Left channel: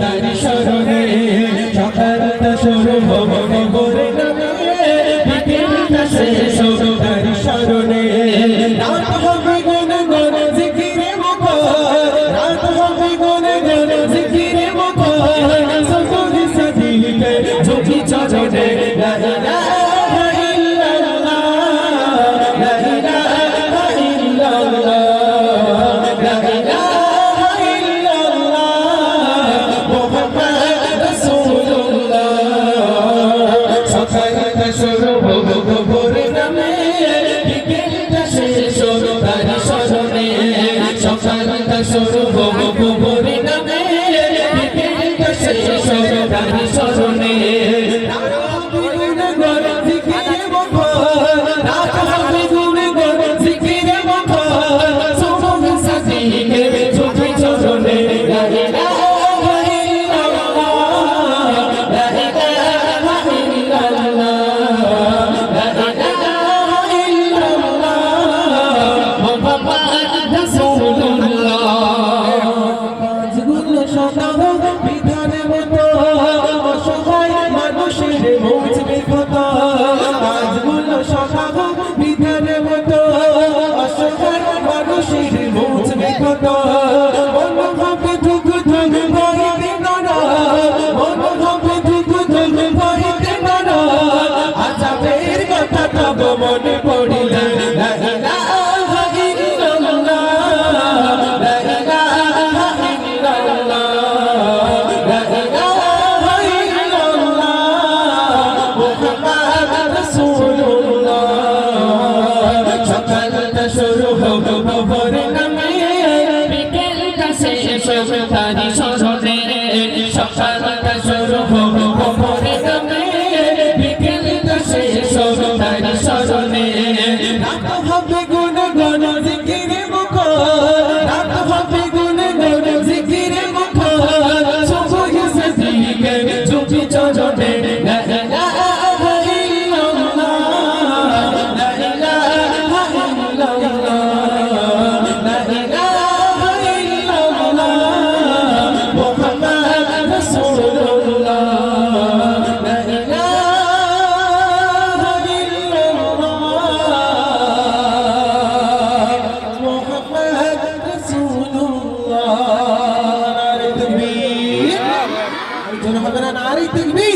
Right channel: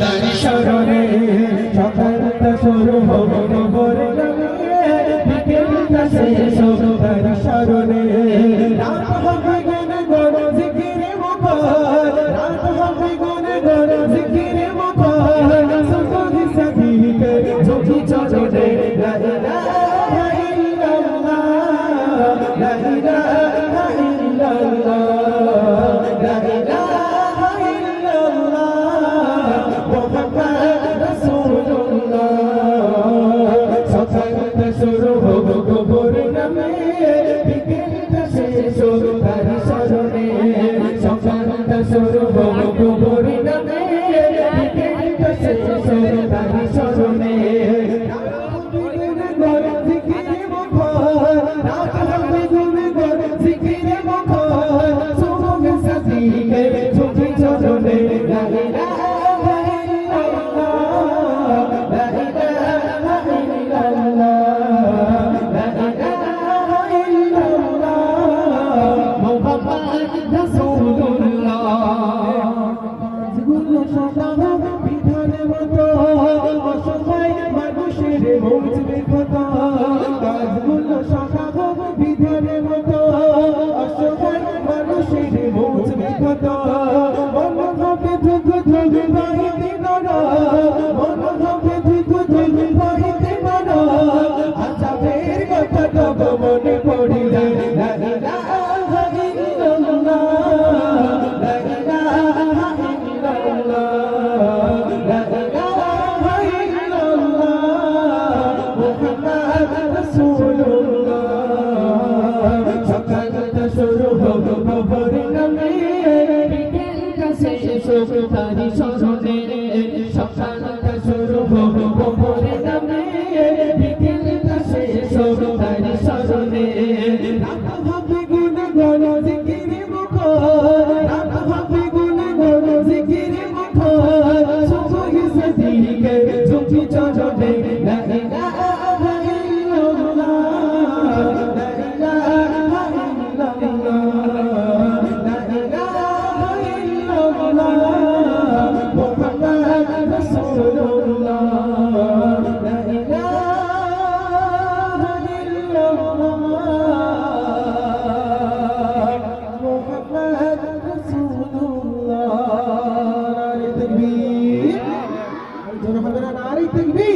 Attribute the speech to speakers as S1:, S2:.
S1: তার শরণে সকালটা শুরু হবে ভোর নামে শেষ হবে ভরে অসহায় মানুষের মুছবে কত কাজগুলো সকাব বিধানের মতো। অসহায় মানুষের মুছবে কত 吹又吹又吹 যারা নারী দেখবি